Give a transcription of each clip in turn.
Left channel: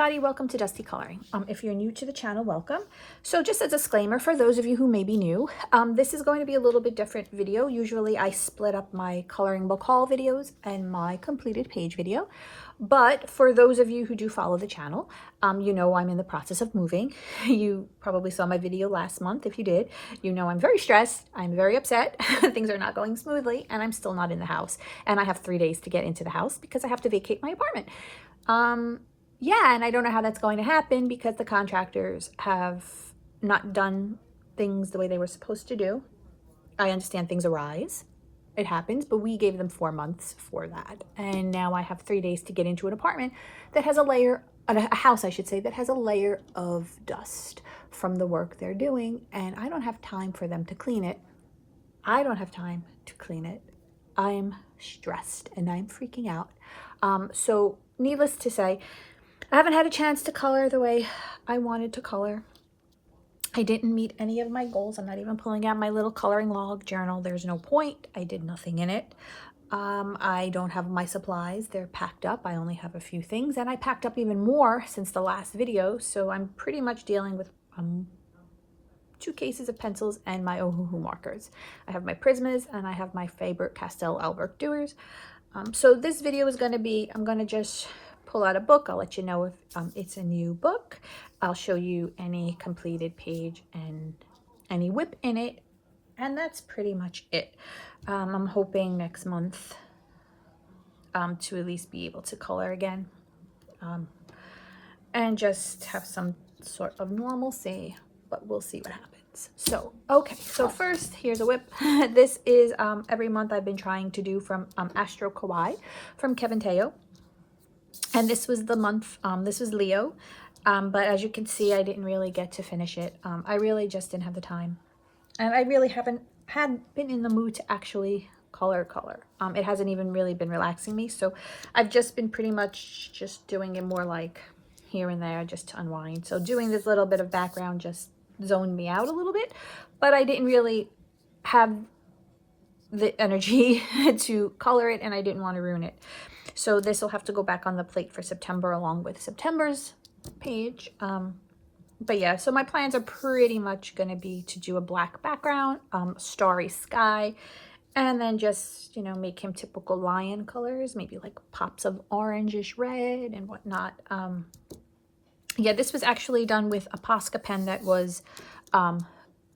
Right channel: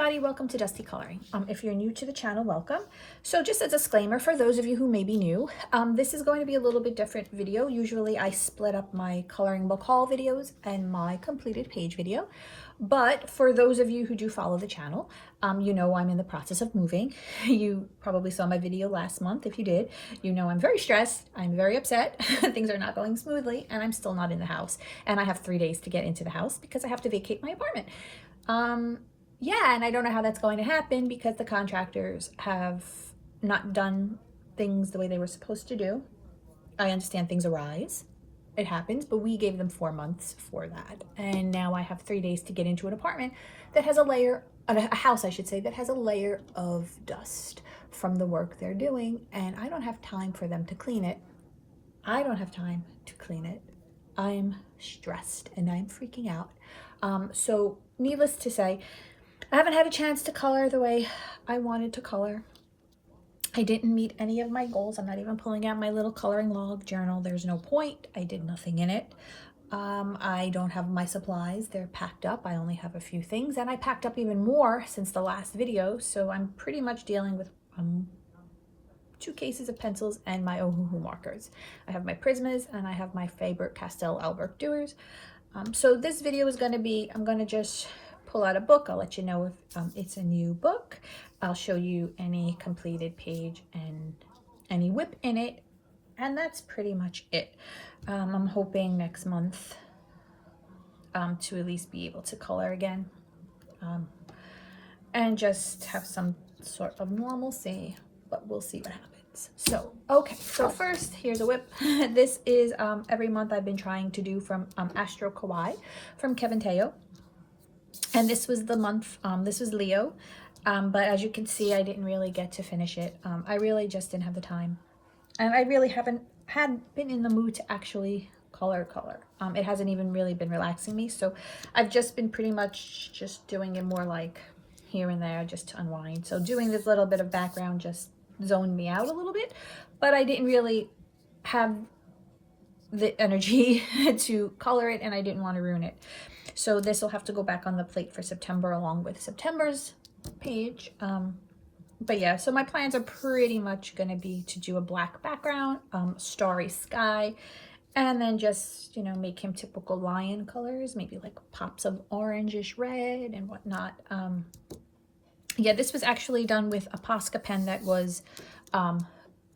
everybody, welcome to Dusty Coloring. If you're new to the channel, welcome. So just a disclaimer for those of you who may be new, this is going to be a little bit different video. Usually I split up my coloring book haul videos and my completed page video. But for those of you who do follow the channel, you know I'm in the process of moving. You probably saw my video last month. If you did, you know I'm very stressed. I'm very upset. Things are not going smoothly and I'm still not in the house. And I have 3 days to get into the house because I have to vacate my apartment. Yeah, and I don't know how that's going to happen because the contractors have not done things the way they were supposed to do. I understand things arise. It happens, but we gave them 4 months for that. And now I have 3 days to get into an apartment that has a layer, a house, I should say, that has a layer of dust from the work they're doing. And I don't have time for them to clean it. I don't have time to clean it. I'm stressed and I'm freaking out. So needless to say, I haven't had a chance to color the way I wanted to color. I didn't meet any of my goals. I'm not even pulling out my little coloring log journal. There's no point. I did nothing in it. I don't have my supplies. They're packed up. I only have a few things, and I packed up even more since the last video. So I'm pretty much dealing with 2 cases of pencils and my Ohuhu markers. I have my Prismas and I have my Faber Castell Albert Doers. So this video is going to be, I'm going to just pull out a book. I'll let you know if it's a new book. I'll show you any completed page and any whip in it. And that's pretty much it. I'm hoping next month to at least be able to color again. And just have some sort of normalcy, but we'll see what happens. So, okay, so first, here's a whip. This is every month I've been trying to do from Astro Kawaii from Kevin Teo. And this was the month, this was Leo. But as you can see, I didn't really get to finish it. I really just didn't have the time. And I really haven't been in the mood to actually color. It hasn't even really been relaxing me. So I've just been pretty much just doing it more like here and there just to unwind. So doing this little bit of background just zoned me out a little bit. But I didn't really have the energy to color it and I didn't want to ruin it. So this will have to go back on the plate for September along with September's page. But yeah, so my plans are pretty much going to be to do a black background, starry sky, and then just, you know, make him typical lion colors, maybe like pops of orangish red and whatnot. Yeah, this was actually done with a Posca pen that was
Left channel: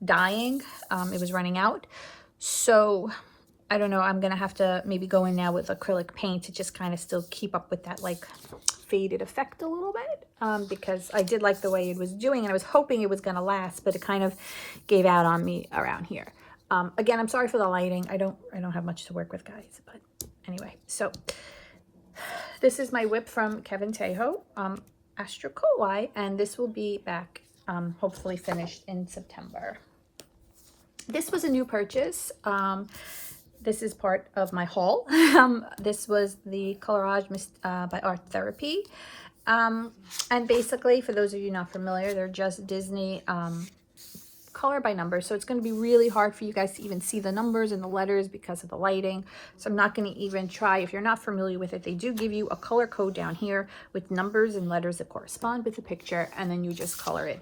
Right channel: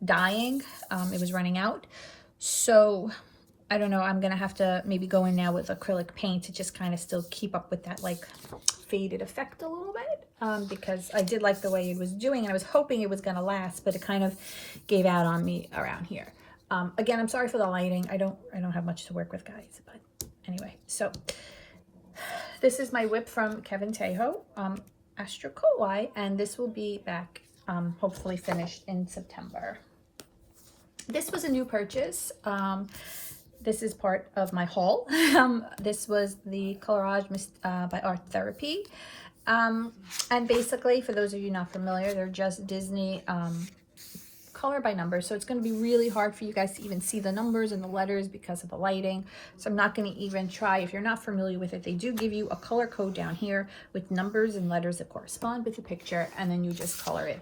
dying. It was running out. So I don't know, I'm gonna have to maybe go in now with acrylic paint to just kind of still keep up with that like faded effect a little bit, because I did like the way it was doing and I was hoping it was gonna last, but it kind of gave out on me around here. Again, I'm sorry for the lighting. I don't have much to work with, guys, but anyway. So this is my whip from Kevin Teo, Astro Kawaii, and this will be back hopefully finished in September. This was a new purchase. This is part of my haul. This was the Colorage by Art Therapy. And basically, for those of you not familiar, they're just Disney color by number. So it's going to be really hard for you guys to even see the numbers and the letters because of the lighting. So I'm not going to even try. If you're not familiar with it, they do give you a color code down here with numbers and letters that correspond with the picture, and then you just color it.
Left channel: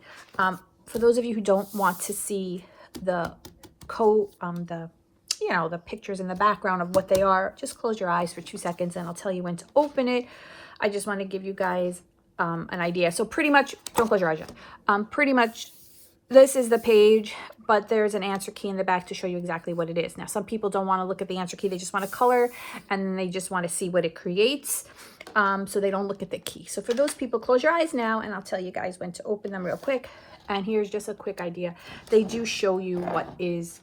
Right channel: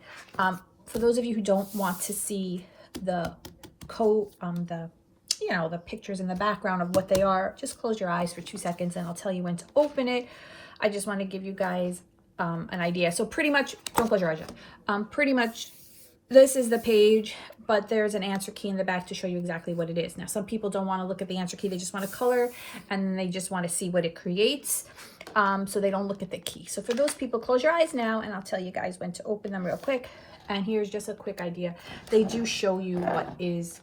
For those of you who don't want to see the code, you know, the pictures in the background of what they are, just close your eyes for 2 seconds and I'll tell you when to open it. I just want to give you guys an idea. So pretty much, don't close your eyes yet. Pretty much this is the page, but there's an answer key in the back to show you exactly what it is. Now, some people don't want to look at the answer key. They just want to color and they just want to see what it creates. So they don't look at the key. So for those people, close your eyes now and I'll tell you guys when to open them real quick. And here's just a quick idea. They do show you what is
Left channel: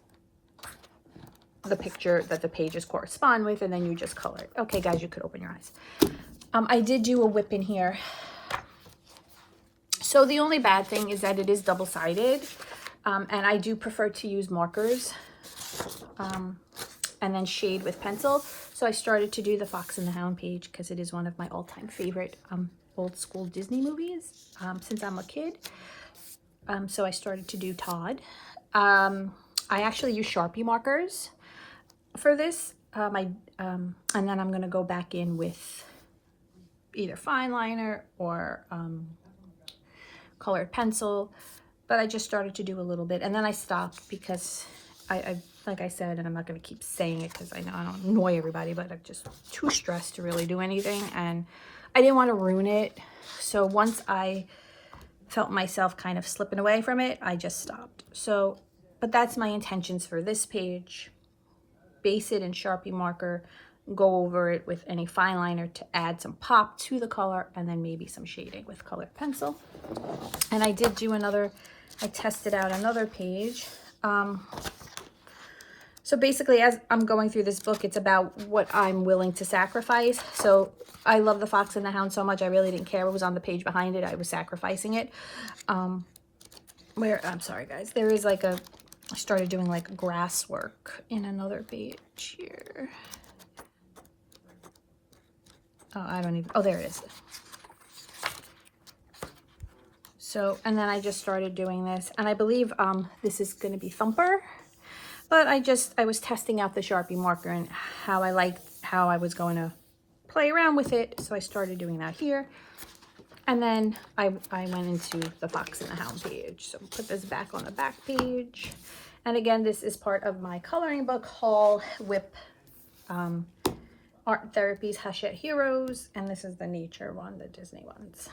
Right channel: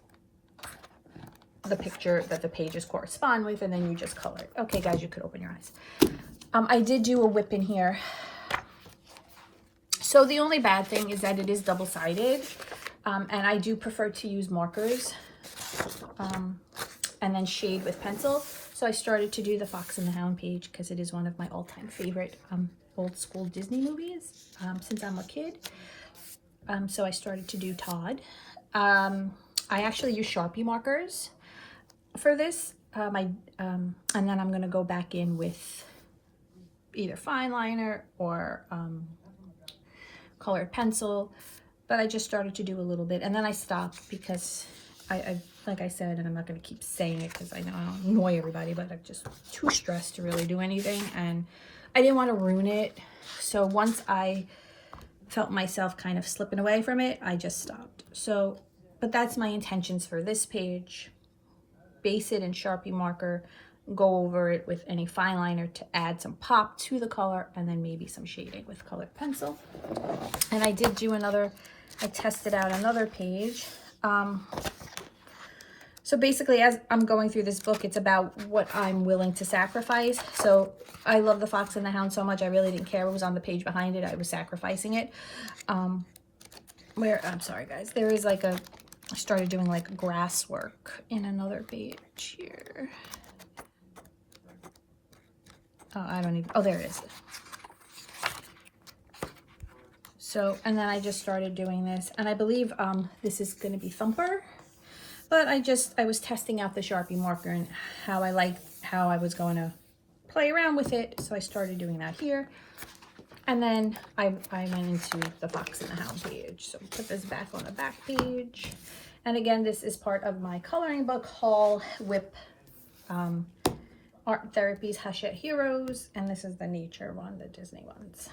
the picture that the pages correspond with, and then you just color it. Okay, guys, you could open your eyes. I did do a whip in here. So the only bad thing is that it is double-sided, and I do prefer to use markers and then shade with pencil. So I started to do the Fox and the Hound page because it is one of my all-time favorite old school Disney movies since I'm a kid. So I started to do Todd. I actually use Sharpie markers for this, and then I'm going to go back in with either fine liner or colored pencil, but I just started to do a little bit, and then I stopped because I like I said, and I'm not going to keep saying it because I know I don't annoy everybody, but I'm just too stressed to really do anything, and I didn't want to ruin it. So once I felt myself kind of slipping away from it, I just stopped. So, but that's my intentions for this page. Base it in Sharpie marker, go over it with any fine liner to add some pop to the color, and then maybe some shading with colored pencil. And I did do another, I tested out another page. So basically, as I'm going through this book, it's about what I'm willing to sacrifice. So I love The Fox and the Hound so much, I really didn't care what was on the page behind it. I was sacrificing it. I'm sorry guys, there is like I started doing like grass work in another page here. Oh, I don't even, oh, there it is. So, and then I just started doing this, and I believe this is going to be Thumper. But I was testing out the Sharpie marker and how I was going to play around with it. So I started doing that here. And then I went into the Fox and the Hound page. So put this back on the back page. And again, this is part of my coloring book haul, Whip Art Therapy's Hachette Heroes. And this is the nature one, the Disney ones.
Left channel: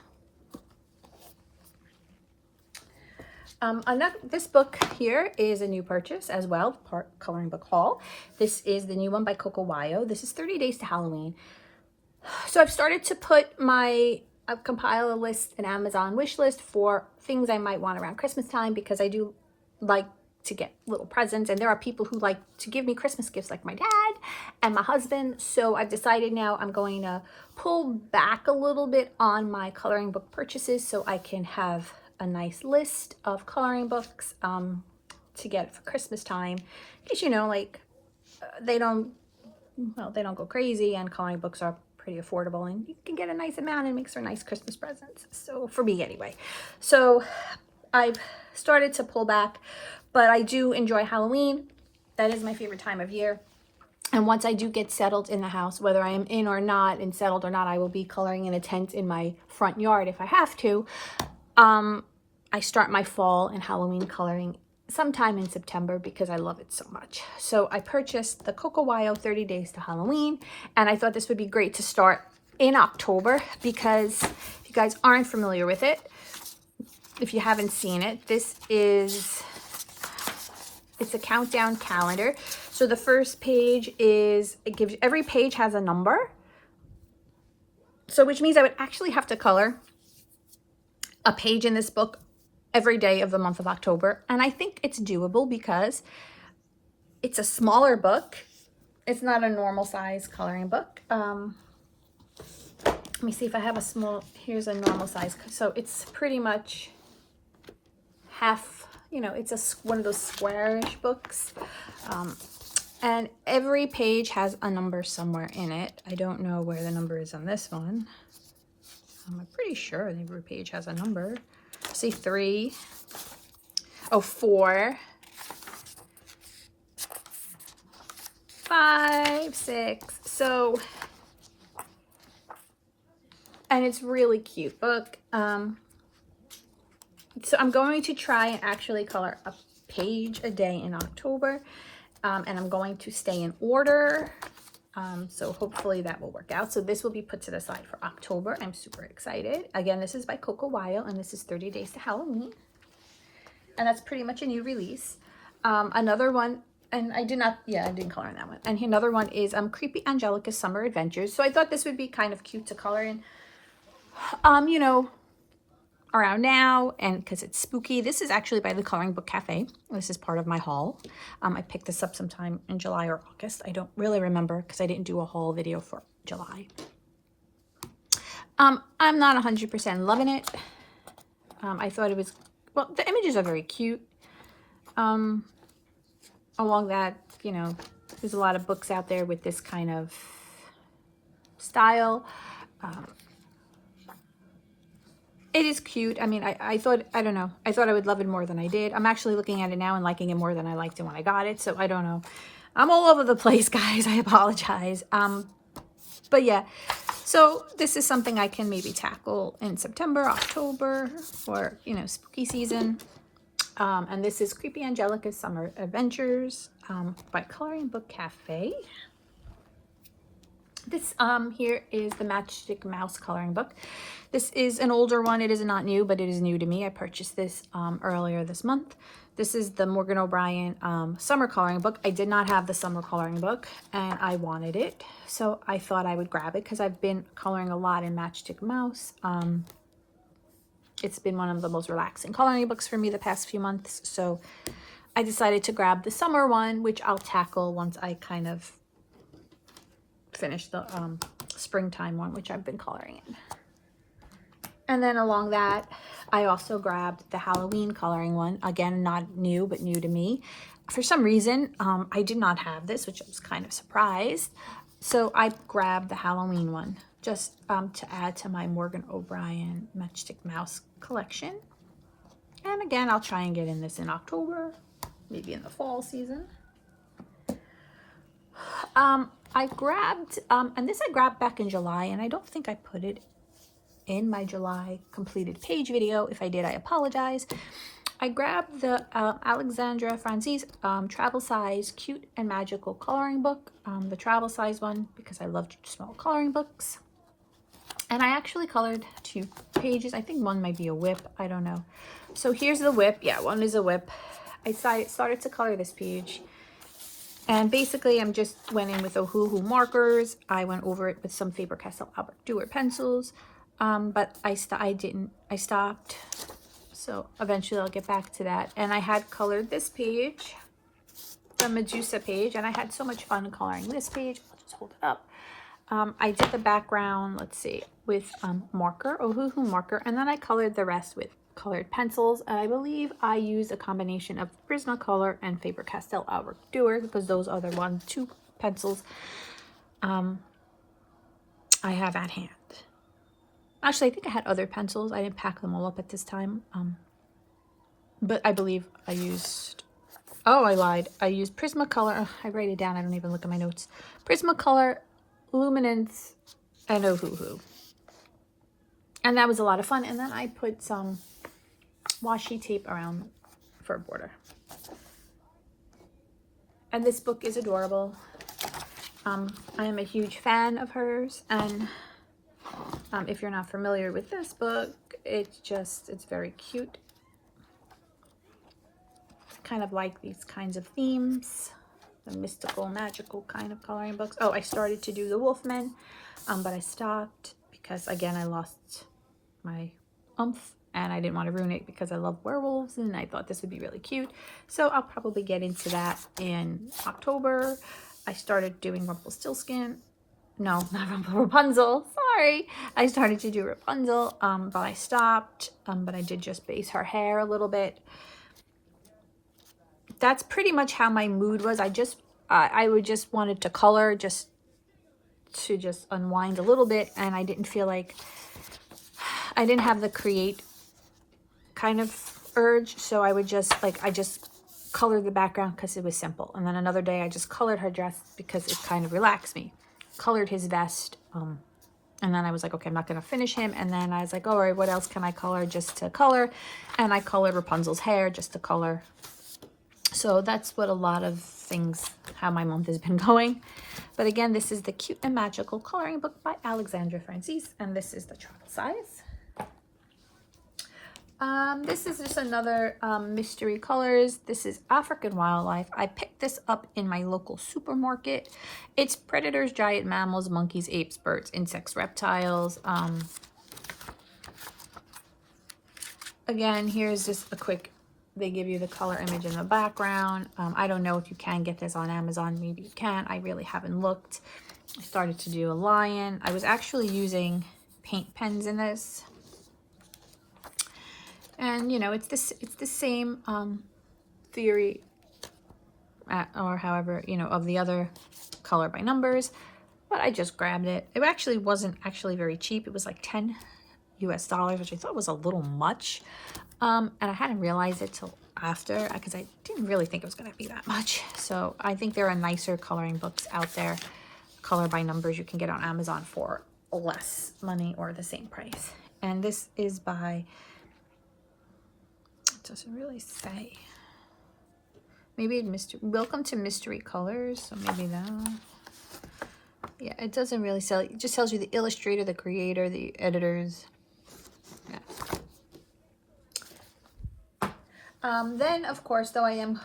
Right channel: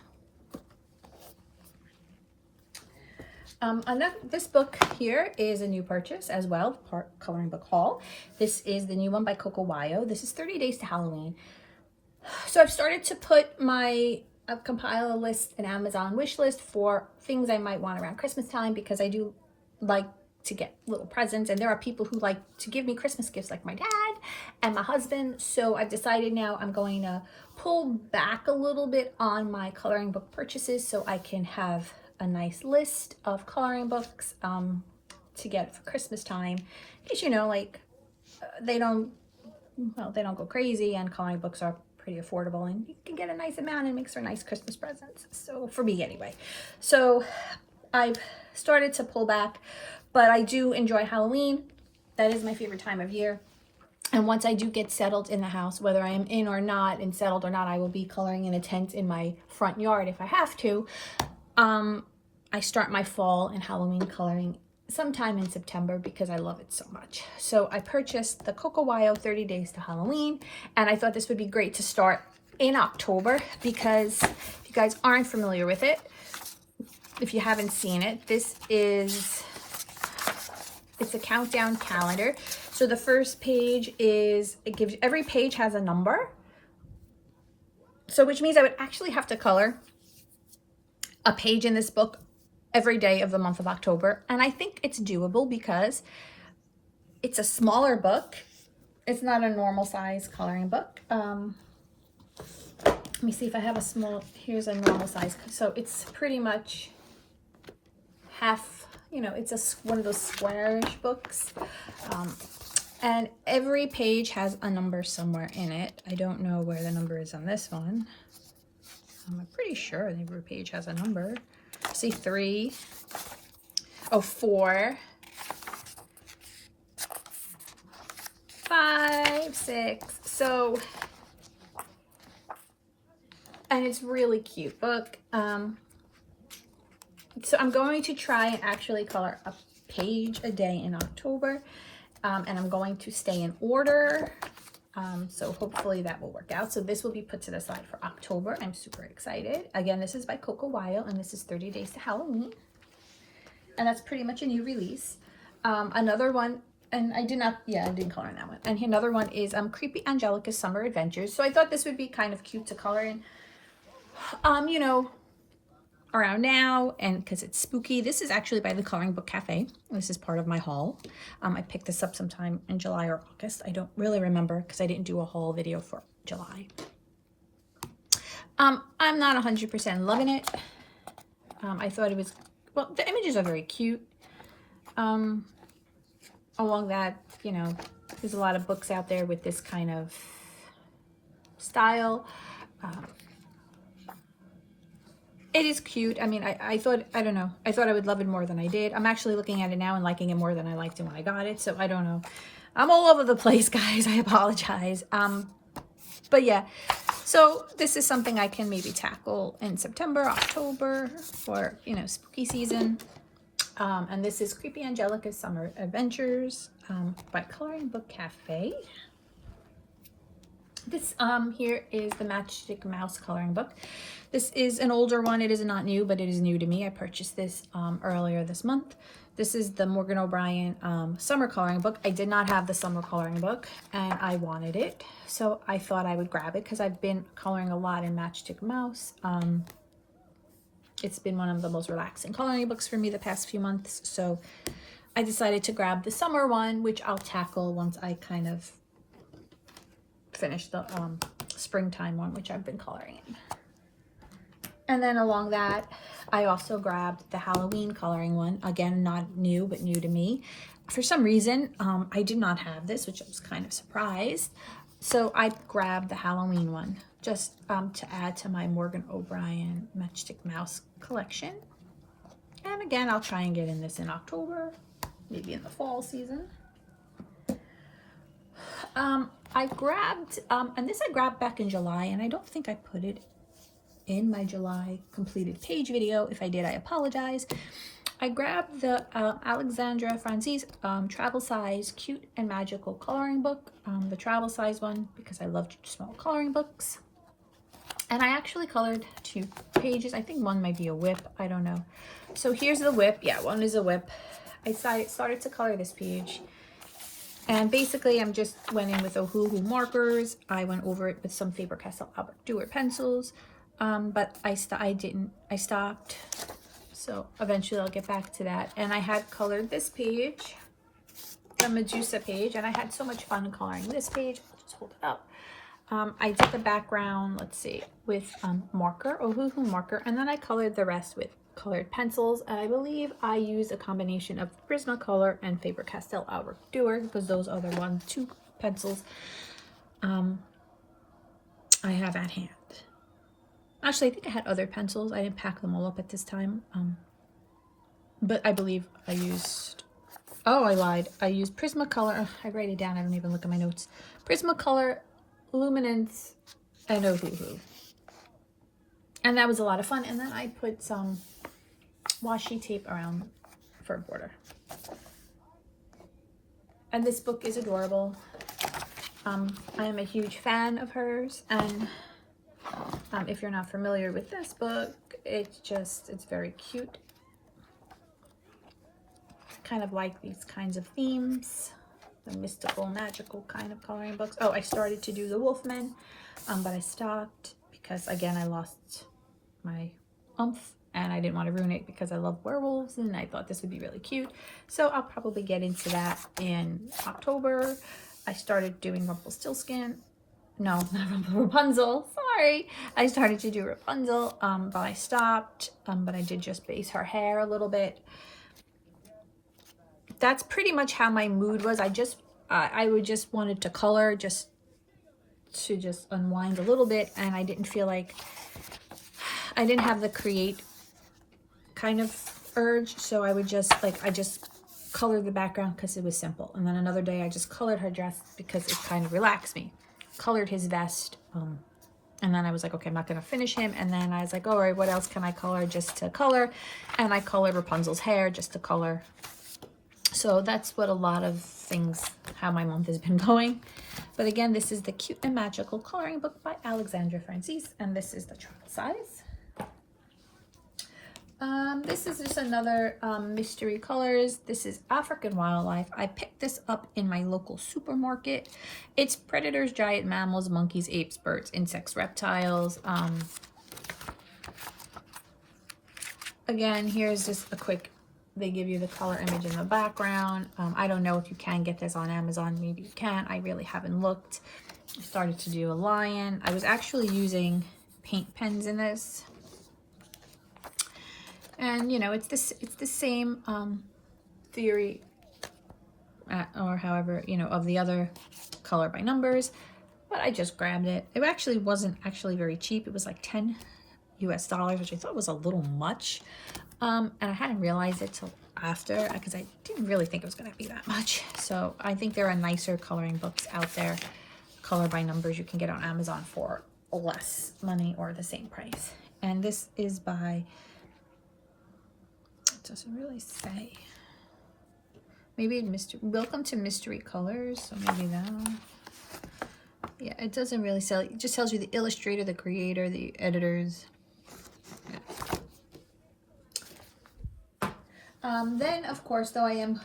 This book here is a new purchase as well, part coloring book haul. This is the new one by Cocowire. This is 30 Days to Halloween. So I've started to put I've compiled a list, an Amazon wish list for things I might want around Christmas time, because I do like to get little presents, and there are people who like to give me Christmas gifts, like my dad and my husband. So I've decided now I'm going to pull back a little bit on my coloring book purchases so I can have a nice list of coloring books to get for Christmas time, because you know, like they don't go crazy, and coloring books are pretty affordable, and you can get a nice amount and make some nice Christmas presents. So for me anyway, so I've started to pull back, but I do enjoy Halloween. That is my favorite time of year. And once I do get settled in the house, whether I am in or not and settled or not, I will be coloring in a tent in my front yard if I have to. I start my fall and Halloween coloring sometime in September because I love it so much. So I purchased the Cocowire 30 Days to Halloween, and I thought this would be great to start in October, because if you guys aren't familiar with it, if you haven't seen it, it's a countdown calendar. So the first page every page has a number. So which means I would actually have to color a page in this book every day of the month of October. And I think it's doable because it's a smaller book. It's not a normal size coloring book. Let me see if I have here's a normal size. So it's pretty much half, it's one of those squarish books. And every page has a number somewhere in it. I don't know where the number is on this one. I'm pretty sure every page has a number. See 3. Oh, 4. 5, 6. So, and it's really cute book. So I'm going to try and actually color a page a day in October. And I'm going to stay in order. So hopefully that will work out. So this will be put to the side for October. I'm super excited. Again, this is by Cocowire, and this is 30 Days to Halloween. And that's pretty much a new release. Another one, and I didn't color in that one. And another one is Creepy Angelica's Summer Adventures. So I thought this would be kind of cute to color in, around now, and because it's spooky. This is actually by the Coloring Book Cafe. This is part of my haul. I picked this up sometime in July or August. I don't really remember because I didn't do a haul video for July. I'm not 100% loving it. I thought it was, well, the images are very cute. Along that, there's a lot of books out there with this kind of style. It is cute. I mean, I thought I would love it more than I did. I'm actually looking at it now and liking it more than I liked it when I got it. So I don't know. I'm all over the place, guys. I apologize. But yeah, so this is something I can maybe tackle in September, October, for, you know, spooky season. And this is Creepy Angelica's Summer Adventures by Coloring Book Cafe. This here is the Matchstick Mouse coloring book. This is an older one. It is not new, but it is new to me. I purchased this earlier this month. This is the Morgan O'Brien summer coloring book. I did not have the summer coloring book, and I wanted it. So I thought I would grab it because I've been coloring a lot in Matchstick Mouse. It's been one of the most relaxing coloring books for me the past few months. So I decided to grab the summer one, which I'll tackle once I kind of finish the springtime one, which I've been coloring in. And then along that, I also grabbed the Halloween coloring one. Again, not new, but new to me. For some reason, I did not have this, which I was kind of surprised. So I grabbed the Halloween one just to add to my Morgan O'Brien Matchstick Mouse collection. And again, I'll try and get in this in October, maybe in the fall season. I grabbed, and this I grabbed back in July, and I don't think I put it in my July completed page video. If I did, I apologize. I grabbed the Alexandra Francis travel size cute and magical coloring book, the travel size one, because I love small coloring books. And I actually colored 2 pages. I think one might be a whip, I don't know. So here's the whip. Yeah, one is a whip. I started to color this page, and basically I'm just went in with Ohuhu markers. I went over it with some Faber-Castell Pompadour pencils, but I stopped. So eventually I'll get back to that. And I had colored this page, the Medusa page, and I had so much fun coloring this page. I'll just hold it up. I did the background, let's see, with marker, Ohuhu marker, and then I colored the rest with colored pencils. And I believe I used a combination of Prismacolor and Faber-Castell Pompadour because those are the 2 pencils I have at hand. Actually, I think I had other pencils. I didn't pack them all up at this time. But I believe I used... Oh, I lied. I used Prismacolor. I write it down. I don't even look at my notes. Prismacolor, Luminance, and Ohuhu. And that was a lot of fun. And then I put some washi tape around for a border. And this book is adorable. I am a huge fan of hers. And... if you're not familiar with this book, it's very cute. Kind of like these kinds of themes, the mystical, magical kind of coloring books. Oh, I started to do the Wolfman, but I stopped because, again, I lost my oomph and I didn't want to ruin it because I love werewolves and I thought this would be really cute. So I'll probably get into that in October. I started doing Rumpelstiltskin. No, not Rapunzel. Sorry. I started to do Rapunzel, but I stopped. But I did just base her hair a little bit. That's pretty much how my mood was. I would just wanted to color just to unwind a little bit, and I didn't feel like I didn't have the create kind of urge. So I would just I just colored the background because it was simple. And then another day I just colored her dress because it kind of relaxed me. Colored his vest, and then I was like, okay, I'm not gonna finish him. And then I was like, all right, what else can I color just to color? And I colored Rapunzel's hair just to color. So that's what a lot of things, how my month has been going. But again, this is the Cute and Magical coloring book by Alexandra Francis, and this is the travel size. This is just another mystery colors. This is African Wildlife. I picked this up in my local supermarket. It's predators, giant mammals, monkeys, apes, birds, insects, reptiles. Again, here's just a quick, they give you the color image in the background. I don't know if you can get this on Amazon. Maybe you can. I really haven't looked. I started to do a lion. I was actually using paint pens in this. And, you know, it's the same theory, or however, you know, of the other color by numbers, but I just grabbed it. It actually wasn't very cheap. It was like $10 US, which I thought was a little much. And I hadn't realized it till after, because I didn't really think it was going to be that much. So I think there are nicer coloring books out there, color by numbers you can get on Amazon for less money or the same price. And this is by, it doesn't really say. Maybe Welcome to Mystery Colors, so maybe that one. Yeah, it doesn't really sell. It just tells you the illustrator, the creator, the editors. Yeah. Then, of course, though I am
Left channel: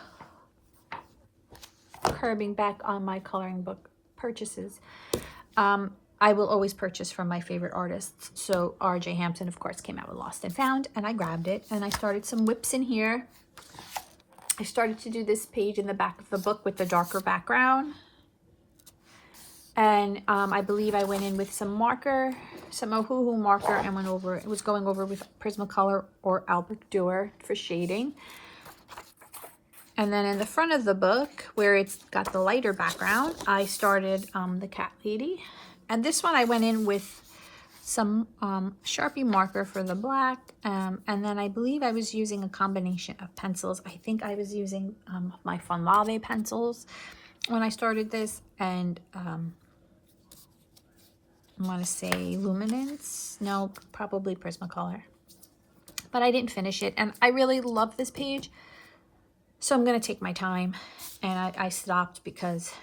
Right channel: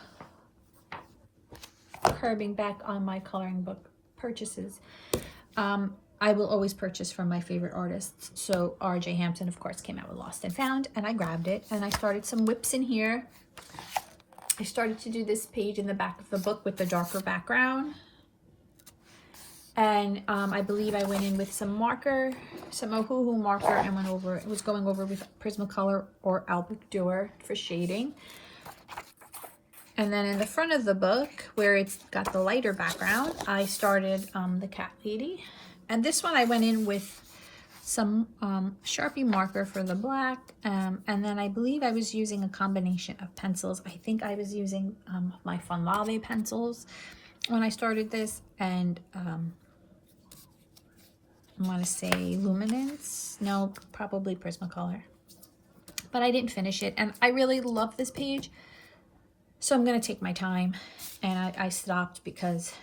curbing back on my coloring book purchases, I will always purchase from my favorite artists. So R.J. Hampton, of course, came out with Lost and Found, and I grabbed it, and I started some whips in here. I started to do this page in the back of the book with the darker background. And I believe I went in with some marker, some Ohuhu marker, and went over, it was going over with Prismacolor or Albrecht for shading. And then in the front of the book, where it's got the lighter background, I started the Cat Lady. And this one I went in with some Sharpie marker for the black. And then I believe I was using a combination of pencils. I think I was using my Fun Lave pencils when I started this. And I want to say Luminance. No, probably Prismacolor. But I didn't finish it. And I really love this page. So I'm going to take my time. And I stopped because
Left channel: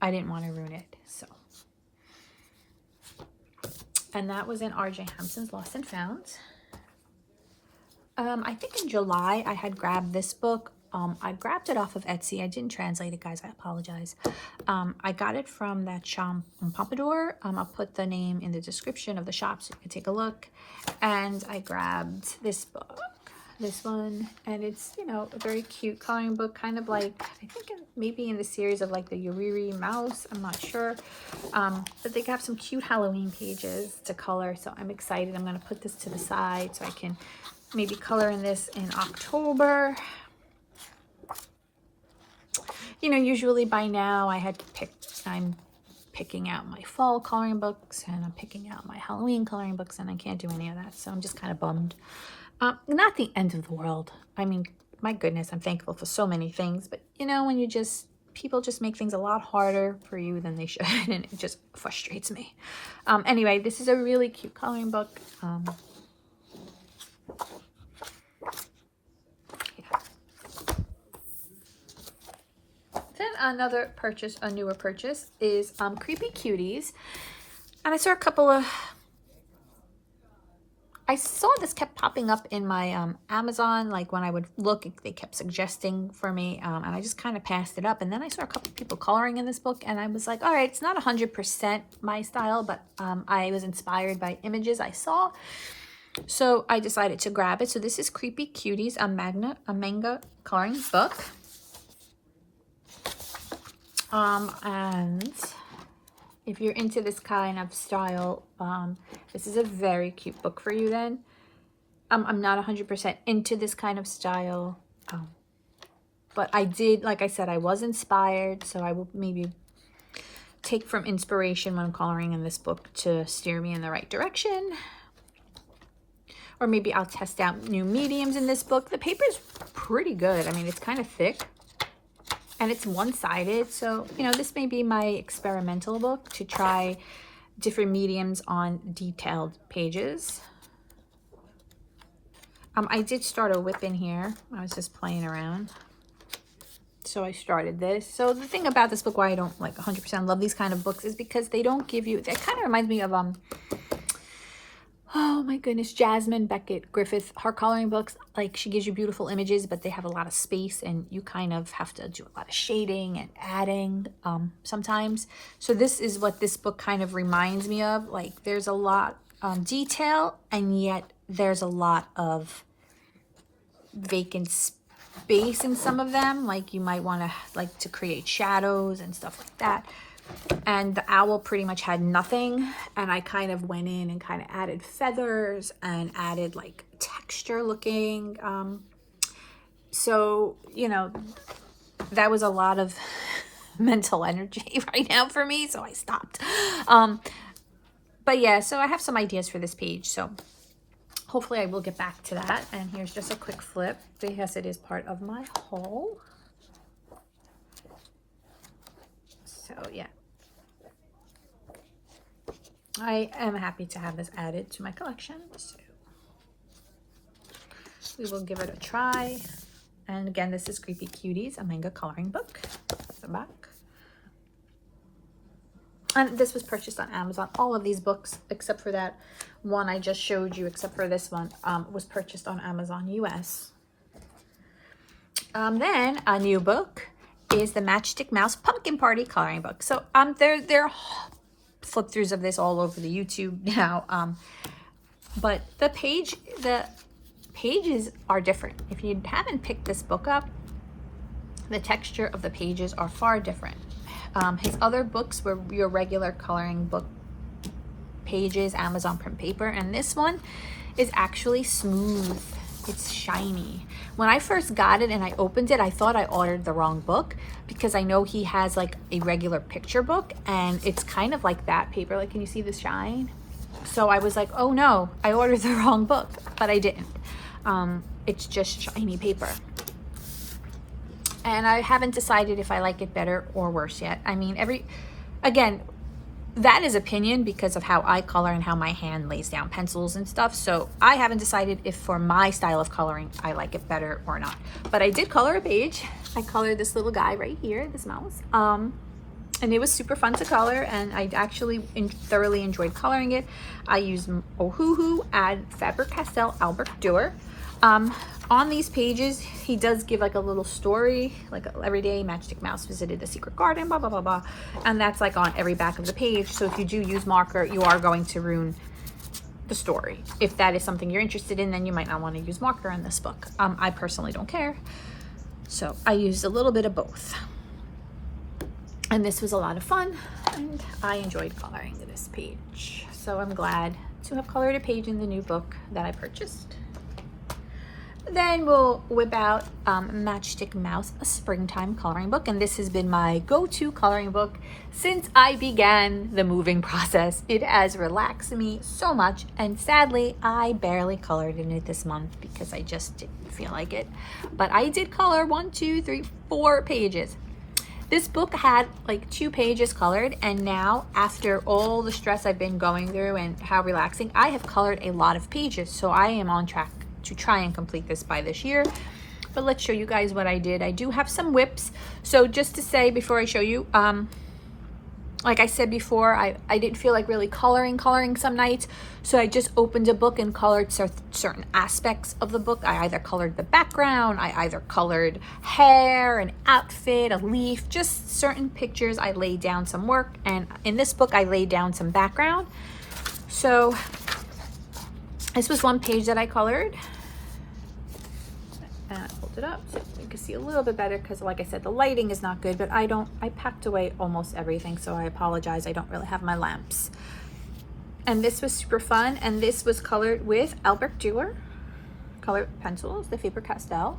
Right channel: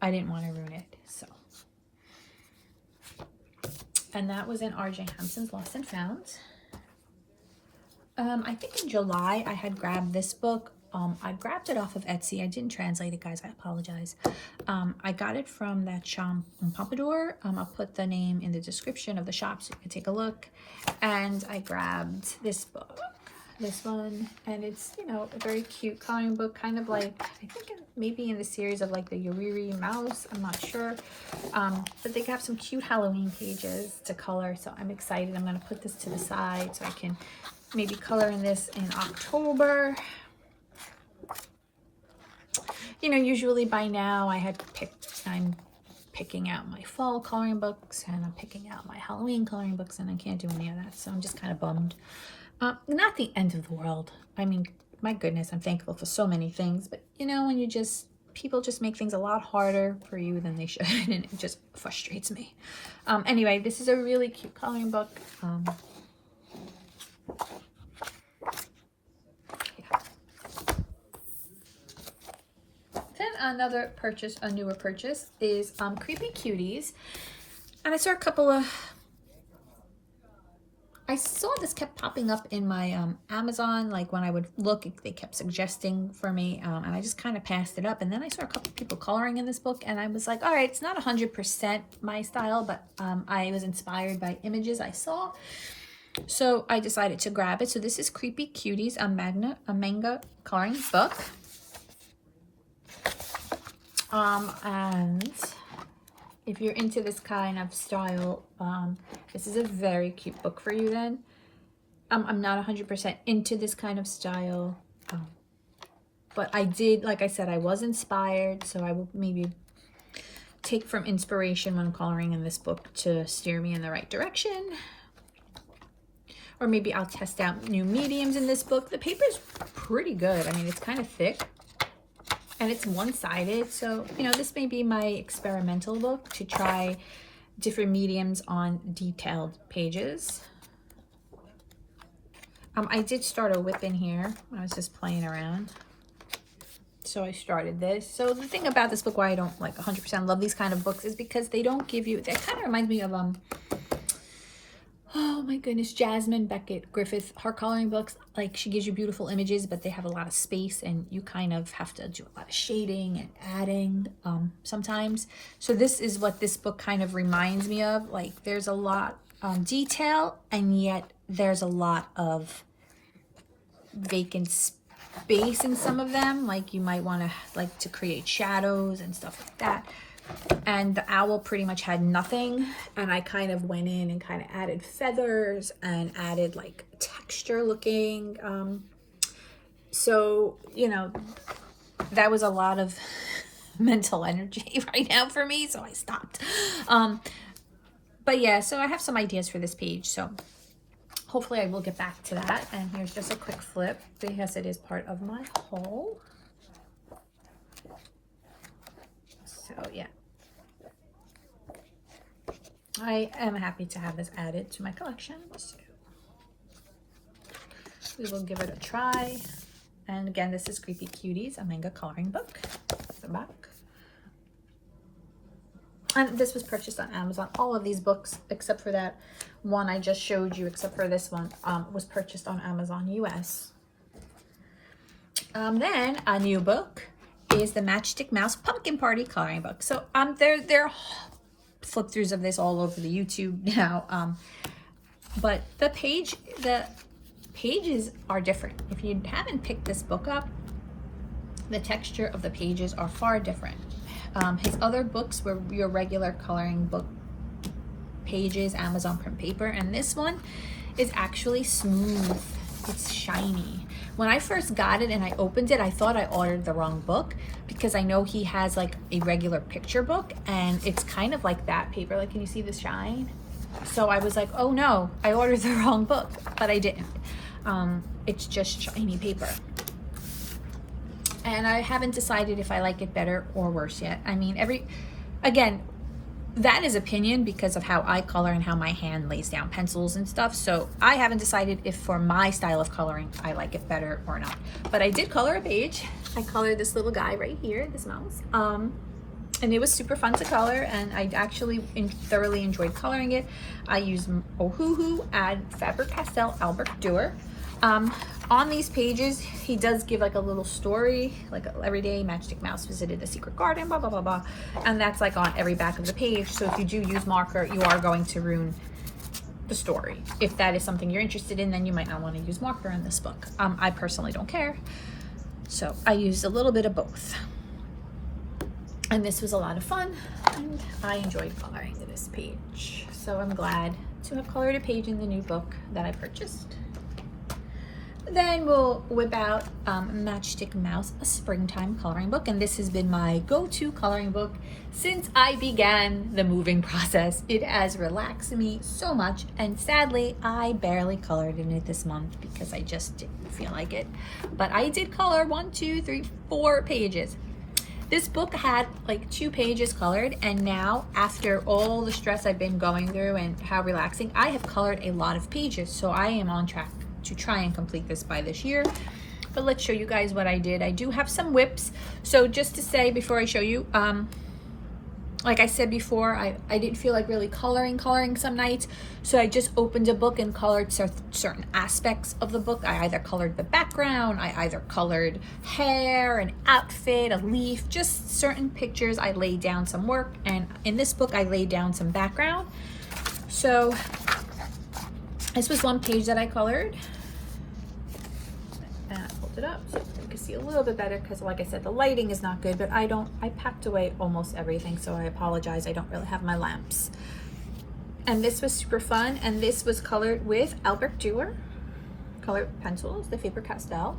I didn't want to ruin it. So. And that was in R.J. Hampton's Lost and Found. I think in July I had grabbed this book. I grabbed it off of Etsy. I didn't translate it, guys. I apologize. I got it from that shop in Pompadour. I'll put the name in the description of the shop so you can take a look. And I grabbed this book, this one. And it's, you know, a very cute coloring book, kind of like, I think maybe in the series of like the Yuriri Mouse. I'm not sure. But they have some cute Halloween pages to color. So I'm excited. I'm going to put this to the side so I can maybe color in this in October. You know, usually by now I'm picking out my fall coloring books and I'm picking out my Halloween coloring books, and I can't do any of that. So I'm just kind of bummed. Not the end of the world. I mean, my goodness, I'm thankful for so many things. But, you know, when people just make things a lot harder for you than they should, and it just frustrates me. Anyway, this is a really cute coloring book. Another purchase, a newer purchase, is Creepy Cuties. And I saw a couple of, I saw this kept popping up in my Amazon, like when I would look, they kept suggesting for me, and I just kind of passed it up. And then I saw a couple people coloring in this book, and I was like, all right, it's not 100% my style, but I was inspired by images I saw. So I decided to grab it. So this is Creepy Cuties, a manga coloring book. And if you're into this kind of style, this is a very cute book for you then. I'm not 100% into this kind of style, but I did, like I said, I was inspired, so I will maybe take from inspiration when coloring in this book to steer me in the right direction. Or maybe I'll test out new mediums in this book. The paper's pretty good. I mean, it's kind of thick. And it's one-sided, so, you know, this may be my experimental book to try different mediums on detailed pages. I did start a whip in here. I was just playing around. So I started this. So the thing about this book, why I don't like 100% love these kind of books, is because they don't give you, it kind of reminds me of, oh my goodness, Jasmine Beckett Griffith, her coloring books. Like, she gives you beautiful images, but they have a lot of space, and you kind of have to do a lot of shading and adding sometimes. So this is what this book kind of reminds me of. Like, there's a lot detail, and yet there's a lot of vacant space in some of them. Like, you might want to create shadows and stuff like that. And the owl pretty much had nothing, and I kind of went in and kind of added feathers and added like texture looking. So, you know, that was a lot of mental energy right now for me, so I stopped. But yeah, so I have some ideas for this page, so hopefully I will get back to that. And here's just a quick flip because it is part of my haul. So yeah. I am happy to have this added to my collection. So we will give it a try. And again, this is Creepy Cuties, a manga coloring book. The back. And this was purchased on Amazon. All of these books, except for that one I just showed you, except for this one, was purchased on Amazon US. Then a new book is the Matchstick Mouse Pumpkin Party coloring book. So there are flip throughs of this all over the YouTube now. But the pages are different. If you haven't picked this book up, the texture of the pages are far different. His other books were your regular coloring book pages, Amazon print paper, and this one is actually smooth. It's shiny. When I first got it and I opened it, I thought I ordered the wrong book because I know he has like a regular picture book and it's kind of like that paper. Like, can you see the shine? So I was like, oh no, I ordered the wrong book, but I didn't. It's just shiny paper. And I haven't decided if I like it better or worse yet. I mean, again, that is opinion because of how I color and how my hand lays down pencils and stuff. So I haven't decided if for my style of coloring, I like it better or not. But I did color a page. I colored this little guy right here, this mouse. And it was super fun to color, and I actually thoroughly enjoyed coloring it. I used Ohuhu, add Faber-Castell Albert Durer. On these pages, he does give like a little story, like every day Matchstick Mouse visited the secret garden, blah, blah, blah, blah. And that's like on every back of the page. So if you do use marker, you are going to ruin the story. If that is something you're interested in, then you might not want to use marker in this book. I personally don't care. So I used a little bit of both. And this was a lot of fun, and I enjoyed coloring this page. So I'm glad to have colored a page in the new book that I purchased. Then we'll whip out Matchstick Mouse, a springtime coloring book. And this has been my go-to coloring book since I began the moving process. It has relaxed me so much. And sadly, I barely colored in it this month because I just didn't feel like it. But I did color 1, 2, 3, 4 pages. This book had like 2 pages colored, and now after all the stress I've been going through and how relaxing, I have colored a lot of pages. So I am on track to try and complete this by this year. But let's show you guys what I did. I do have some whips. So just to say before I show you, like I said before, I didn't feel like really coloring some nights. So I just opened a book and colored certain aspects of the book. I either colored the background, I either colored hair, an outfit, a leaf, just certain pictures. I laid down some work, and in this book I laid down some background. So this was one page that I colored. And I pulled it up so you can see a little bit better because, like I said, the lighting is not good, but I packed away almost everything, so I apologize. I don't really have my lamps. And this was super fun, and this was colored with Albert Durer colored pencils, the Faber-Castell.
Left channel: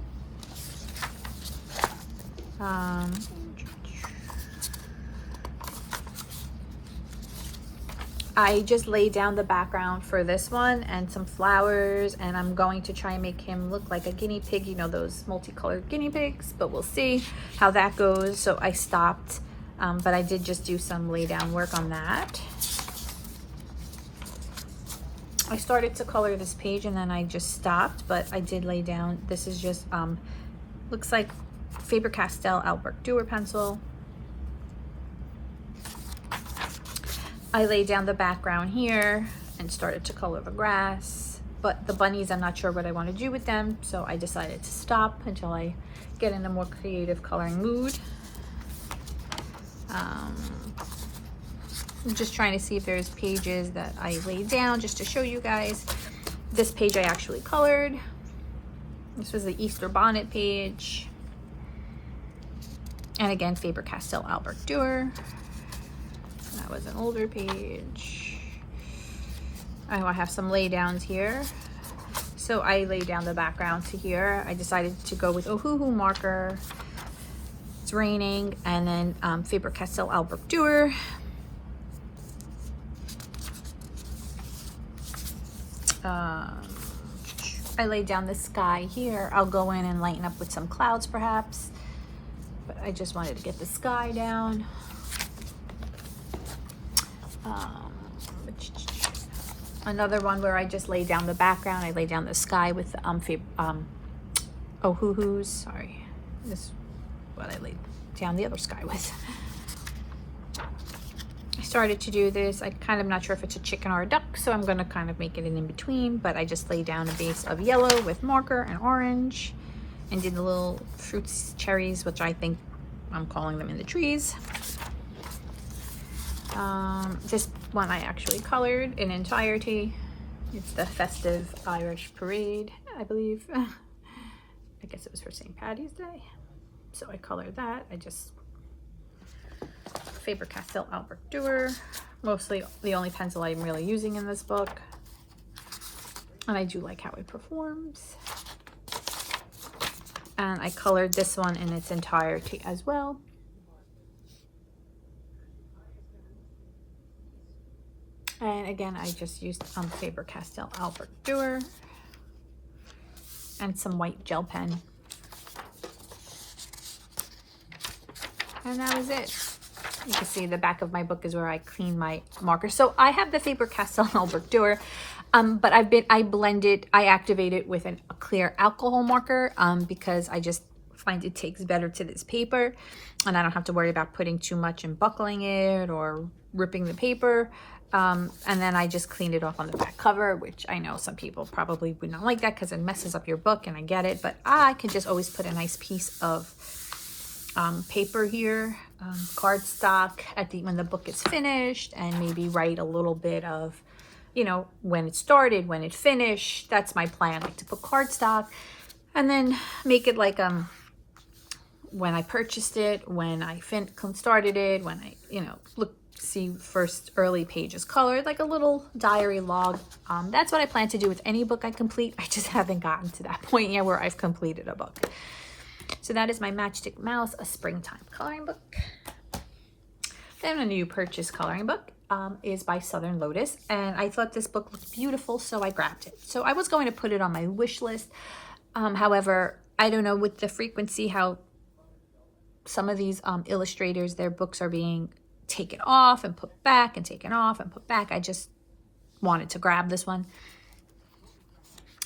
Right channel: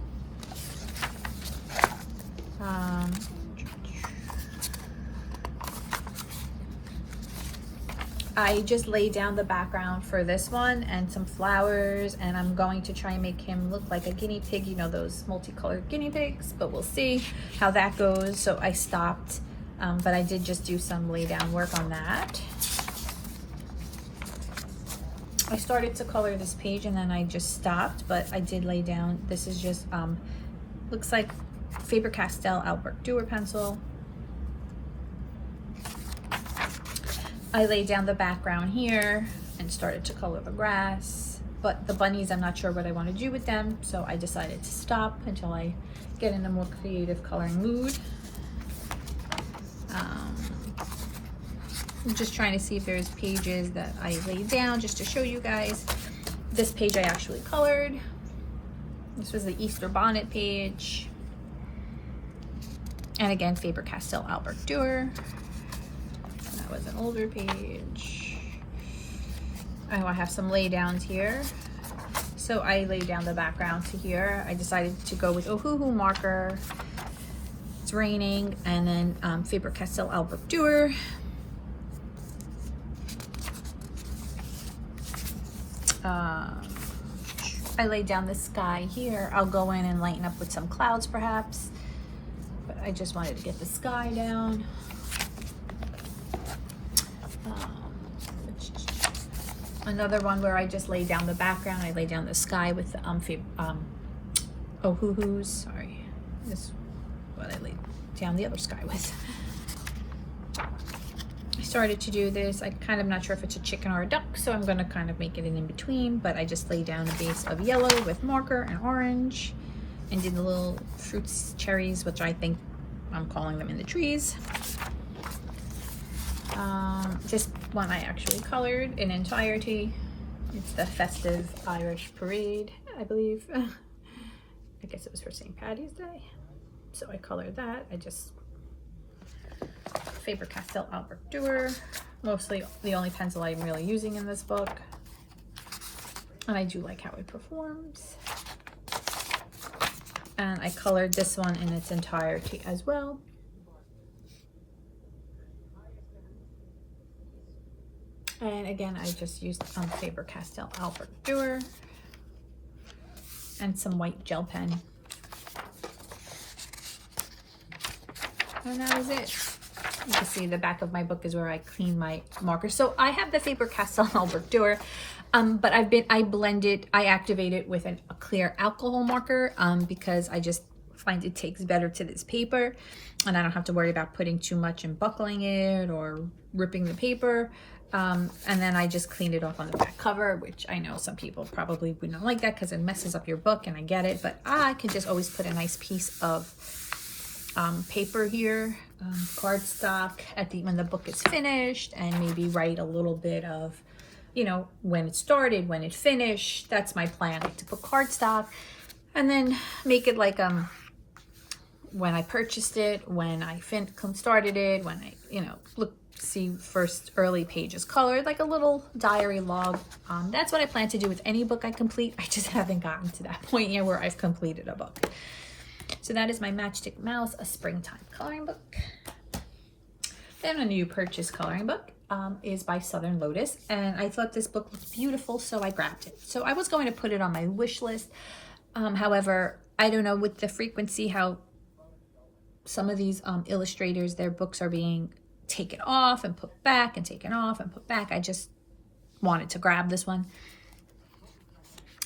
I just laid down the background for this one and some flowers, and I'm going to try and make him look like a guinea pig, you know, those multicolored guinea pigs, but we'll see how that goes. So I stopped, but I did just do some lay down work on that. I started to color this page and then I just stopped, but I did lay down. This is just, looks like Faber-Castell Albert Durer pencil. I laid down the background here and started to color the grass, but the bunnies, I'm not sure what I want to do with them, so I decided to stop until I get in a more creative coloring mood. I'm just trying to see if there's pages that I laid down just to show you guys. This page I actually colored. This was the Easter bonnet page. And again, Faber-Castell Albert Durer. That was an older page. I know I have some lay downs here. So I laid down the background to here. I decided to go with Ohuhu marker. It's raining. And then Faber-Castell Albert Durer. I laid down the sky here. I'll go in and lighten up with some clouds perhaps. But I just wanted to get the sky down. Which Another one where I just lay down the background. I lay down the sky with the oh-hoo-hoos. Sorry, this is what I laid down the other sky with. I started to do this. I'm kind of not sure if it's a chicken or a duck, so I'm going to kind of make it in between, but I just laid down a base of yellow with marker and orange and did the little fruits, cherries, which I think I'm calling them in the trees. This one I actually colored in entirety. It's the festive Irish parade, I believe. I guess it was for St. Paddy's Day. So I colored that. I just Faber-Castell Albert Durer. Mostly the only pencil I'm really using in this book. And I do like how it performs. And I colored this one in its entirety as well. And again, I just used Faber-Castell Albert Durer and some white gel pen. And that was it. You can see the back of my book is where I clean my markers. So I have the Faber-Castell Albert Durer, but I activate it with a clear alcohol marker because I just find it takes better to this paper, and I don't have to worry about putting too much and buckling it or ripping the paper. And then I just cleaned it off on the back cover, which I know some people probably would not like that because it messes up your book, and I get it, but I can just always put a nice piece of paper here, cardstock when the book is finished, and maybe write a little bit of, you know, when it started, when it finished. That's my plan, like to put cardstock, and then make it like when I purchased it, when I started it, when I, you know, see first early pages colored, like a little diary log. That's what I plan to do with any book I complete. I just haven't gotten to that point yet where I've completed a book. So that is my Matchstick Mouse, a springtime coloring book. Then a new purchase coloring book is by Southern Lotus, and I thought this book looked beautiful, so I grabbed it. So I was going to put it on my wish list. However, I don't know, with the frequency how some of these illustrators, their books are being taken off and put back and taken off and put back. I just wanted to grab this one.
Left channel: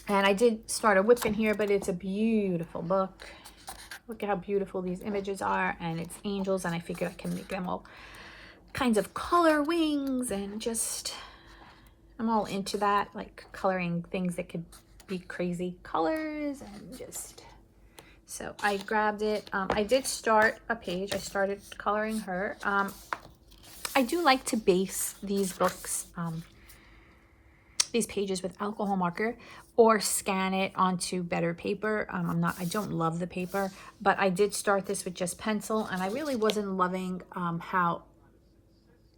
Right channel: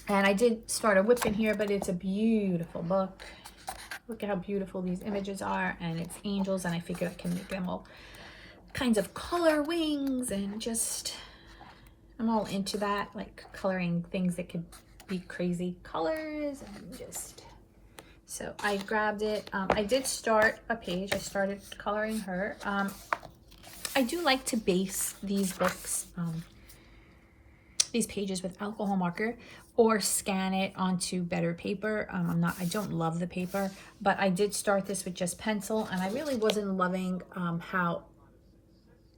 And I did start a whip in here, but it's a beautiful book. Look at how beautiful these images are, and it's angels, and I figured I can make them all kinds of color wings, and just, I'm all into that, like coloring things that could be crazy colors, and just, so I grabbed it. I did start a page. I started coloring her. I do like to base these books, these pages with alcohol marker, or scan it onto better paper. I don't love the paper, but I did start this with just pencil, and I really wasn't loving how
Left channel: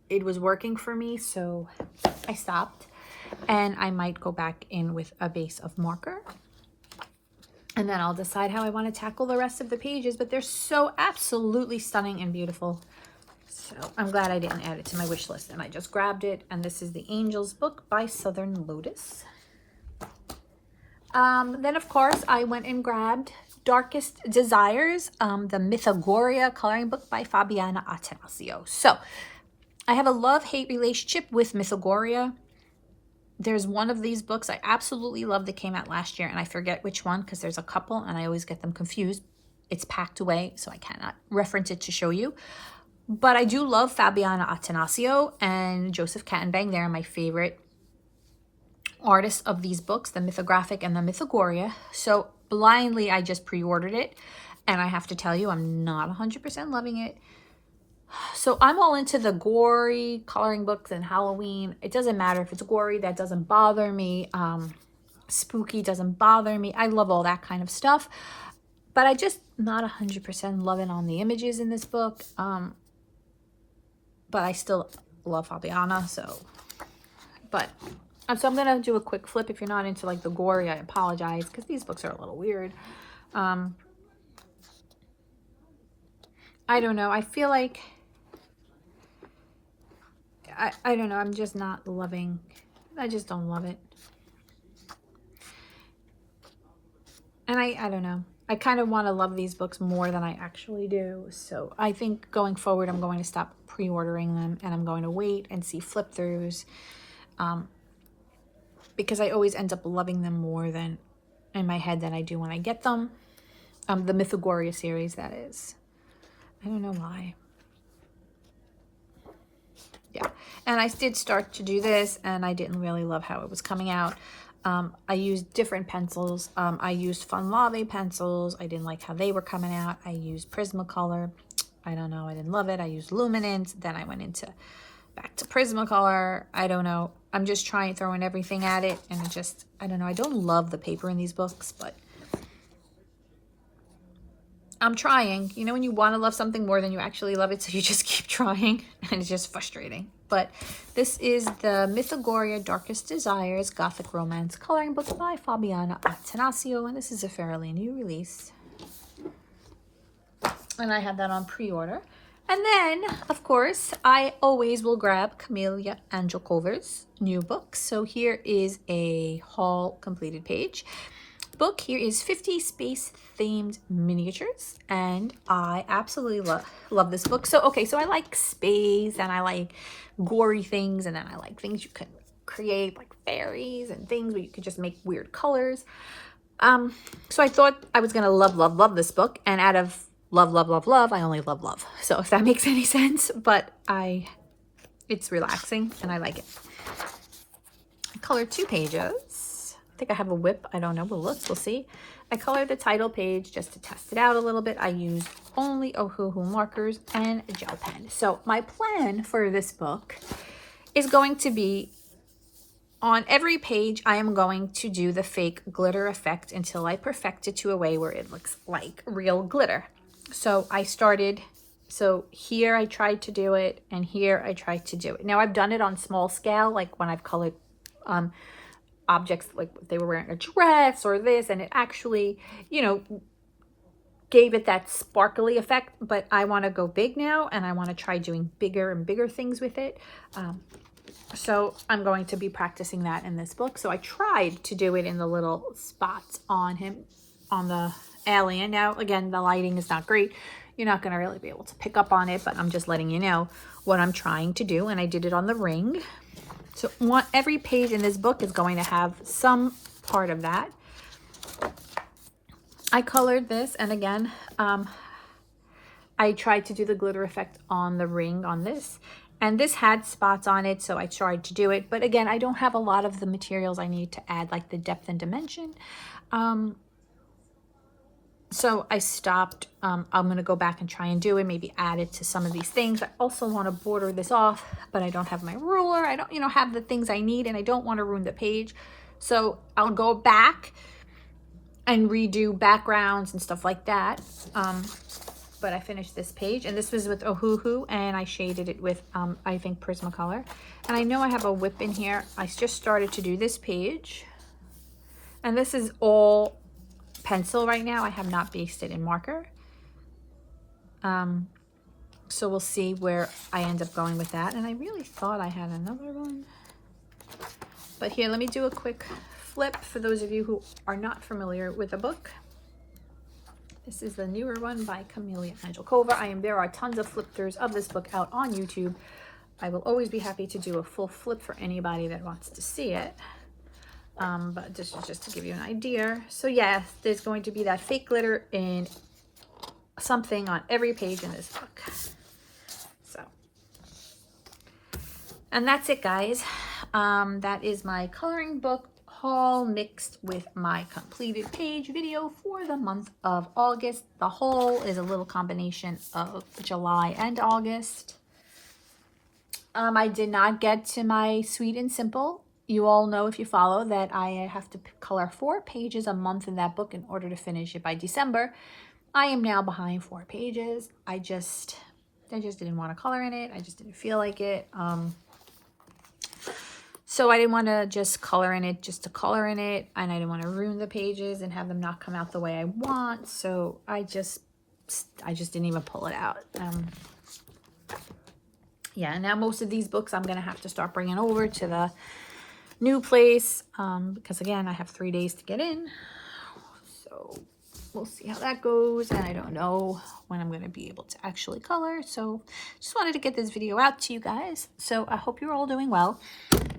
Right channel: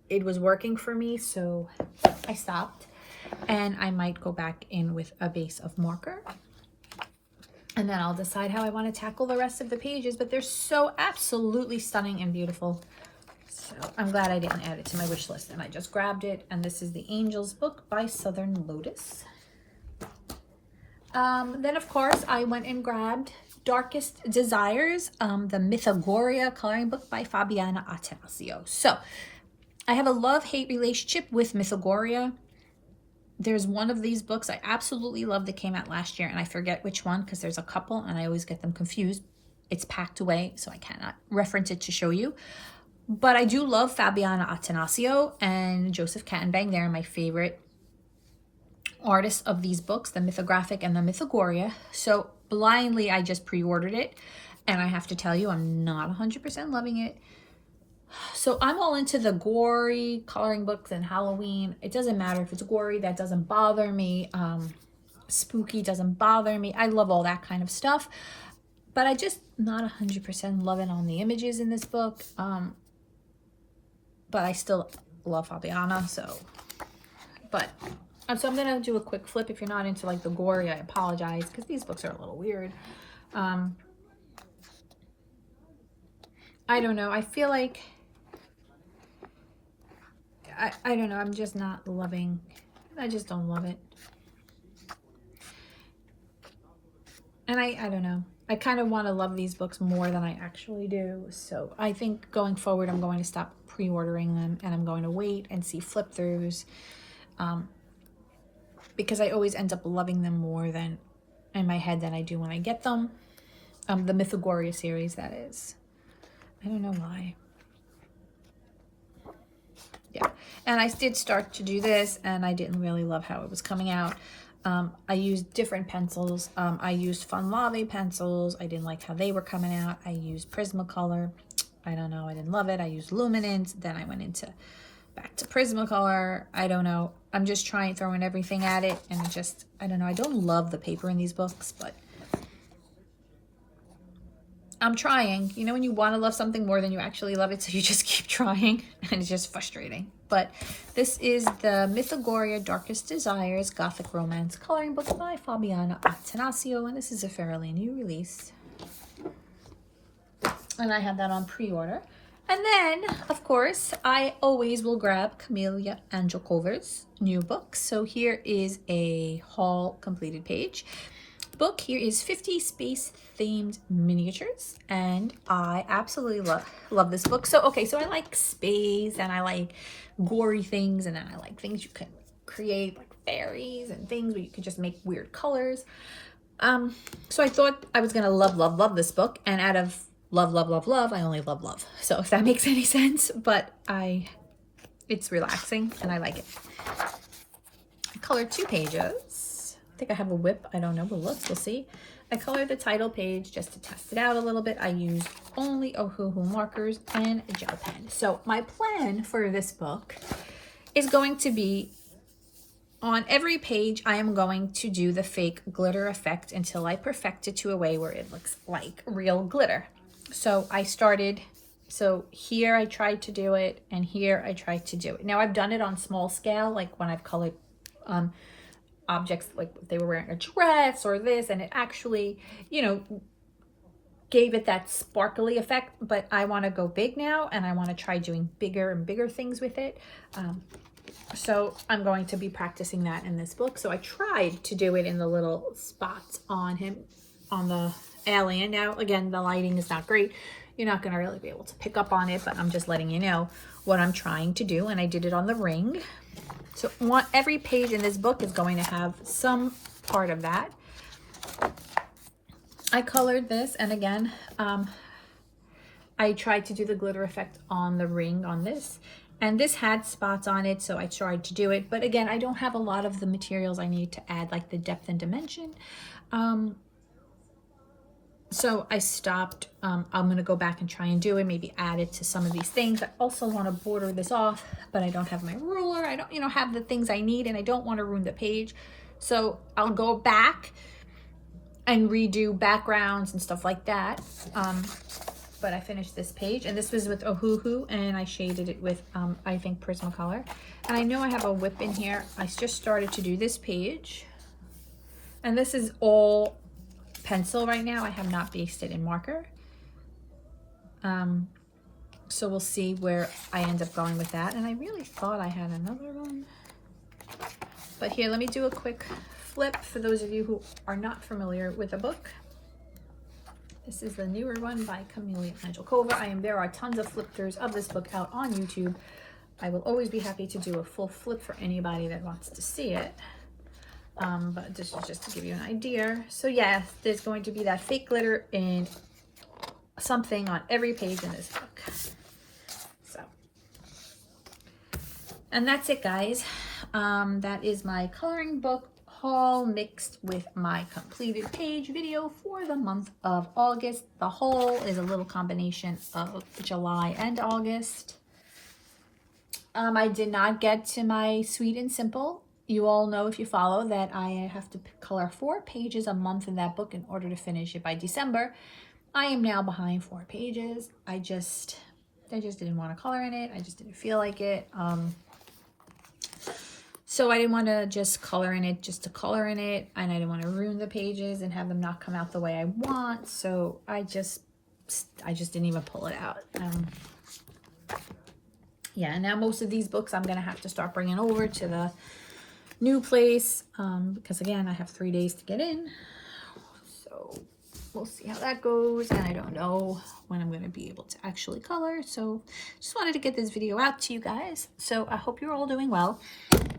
it was working for me, so I stopped, and I might go back in with a base of marker, and then I'll decide how I want to tackle the rest of the pages. But they're so absolutely stunning and beautiful. So I'm glad I didn't add it to my wish list, and I just grabbed it. And this is the Angels book by Southern Lotus. Then of course I went and grabbed Darkest Desires, the Mythagoria coloring book by Fabiana Attanasio. So I have a love-hate relationship with Mythagoria. There's one of these books I absolutely love that came out last year, and I forget which one because there's a couple and I always get them confused. It's packed away, so I cannot reference it to show you. But I do love Fabiana Attanasio and Joseph Kattenbang. They're my favorite artists of these books, the Mythographic and the Mythagoria. So blindly, I just pre-ordered it, and I have to tell you, I'm not 100% loving it. So I'm all into the gory coloring books and Halloween. It doesn't matter if it's gory, that doesn't bother me. Spooky doesn't bother me. I love all that kind of stuff, but I just not 100% loving on the images in this book. But I still love Fabiana, so, but, so I'm gonna do a quick flip. If you're not into like the gory, I apologize, because these books are a little weird. I don't know, I feel like, I don't know, I'm just not loving, I just don't love it. And I don't know, I kind of want to love these books more than I actually do. So I think going forward, I'm going to stop pre-ordering them, and I'm going to wait and see flip-throughs. because I always end up loving them more than in my head than I do when I get them. The Mythagoria series, that is. I don't know why. Yeah, and I did start to do this, and I didn't really love how it was coming out. I used different pencils. I used Fun Lave pencils. I didn't like how they were coming out. I used Prismacolor. I don't know. I didn't love it. I used Luminance. Then I went back to Prismacolor. I don't know. I'm just throwing everything at it, and I don't know. I don't love the paper in these books, but I'm trying. You know when you want to love something more than you actually love it, so you just keep trying, and it's just frustrating. But this is the Mythagoria Darkest Desires Gothic Romance Coloring Book by Fabiana Attanasio, and this is a fairly new release. And I had that on pre-order. And then, of course, I always will grab Camelia Angelcover's new book. So here is a haul completed page. Book here is 50 space themed miniatures, and I absolutely love this book. So okay, so I like space, and I like gory things, and then I like things you can create like fairies and things where you could just make weird colors. So I thought I was gonna love this book, and out of love, I only love. So if that makes any sense, but it's relaxing and I like it. I colored 2 pages. I think I have a whip. I don't know. We'll see. I colored the title page just to test it out a little bit. I used only Ohuhu markers and a gel pen. So my plan for this book is going to be on every page, I am going to do the fake glitter effect until I perfect it to a way where it looks like real glitter. So so here I tried to do it, and here I tried to do it. Now I've done it on small scale, like when I've colored objects, like if they were wearing a dress or this, and it actually, you know, gave it that sparkly effect. But I want to go big now, and I want to try doing bigger and bigger things with it. So I'm going to be practicing that in this book. So I tried to do it in the little spots on him, on the alien. Now, again, the lighting is not great. You're not going to really be able to pick up on it, but I'm just letting you know what I'm trying to do. And I did it on the ring. So every page in this book is going to have some part of that. I colored this, and again, I tried to do the glitter effect on the ring on this. And this had spots on it, so I tried to do it. But again, I don't have a lot of the materials I need to add, like the depth and dimension. So I stopped. I'm going to go back and try and do it, maybe add it to some of these things. I also want to border this off, but I don't have my ruler. I don't, have the things I need, and I don't want to ruin the page. So I'll go back and redo backgrounds and stuff like that. But I finished this page, and this was with Ohuhu, and I shaded it with, I think, Prismacolor. And I know I have a whip in here. I just started to do this page, and this is all pencil right now. I have not based it in marker. So we'll see where I end up going with that. And I really thought I had another one. But here, let me do a quick flip for those of you who are not familiar with the book. This is the newer one by Camelia Angelcover. There are tons of flip throughs of this book out on YouTube. I will always be happy to do a full flip for anybody that wants to see it. But this is just to give you an idea. So yeah, there's going to be that fake glitter in something on every page in this book. So, and that's it, guys. That is my coloring book haul mixed with my completed page video for the month of August. The haul is a little combination of July and August. I did not get to my Sweet and Simple. You all know, if you follow, that I have to color 4 pages a month in that book in order to finish it by December. I am now behind 4 pages. I just didn't want to color in it. I just didn't feel like it. So I didn't want to just color in it just to color in it, and I didn't want to ruin the pages and have them not come out the way I want. So I just didn't even pull it out. Yeah, now most of these books I'm going to have to start bringing over to the new place, because again, I have 3 days to get in. So we'll see how that goes, and I don't know when I'm going to be able to actually color. So just wanted to get this video out to you guys. So I hope you're all doing well.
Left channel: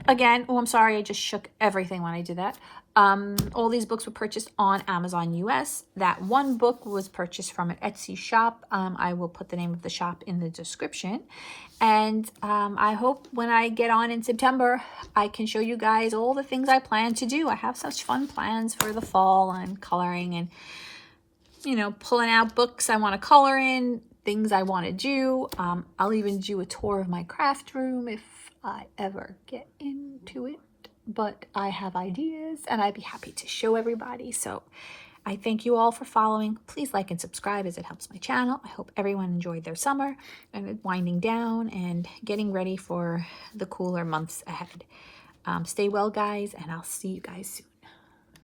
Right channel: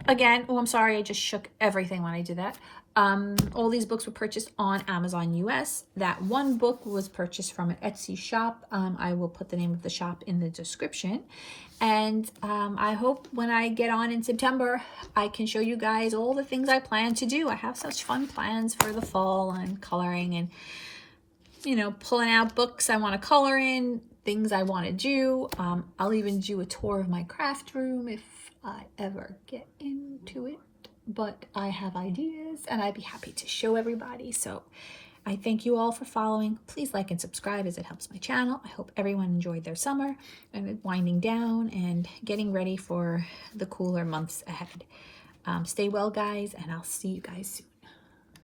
again, oh, I'm sorry, I just shook everything when I did that. All these books were purchased on Amazon US. That one book was purchased from an Etsy shop. I will put the name of the shop in the description. And I hope when I get on in September, I can show you guys all the things I plan to do. I have such fun plans for the fall and coloring and, you know, pulling out books I want to color in, things I want to do. I'll even do a tour of my craft room if I ever get into it. But I have ideas and I'd be happy to show everybody. So I thank you all for following. Please like and subscribe as it helps my channel. I hope everyone enjoyed their summer and winding down and getting ready for the cooler months ahead. Stay well, guys, and I'll see you guys soon.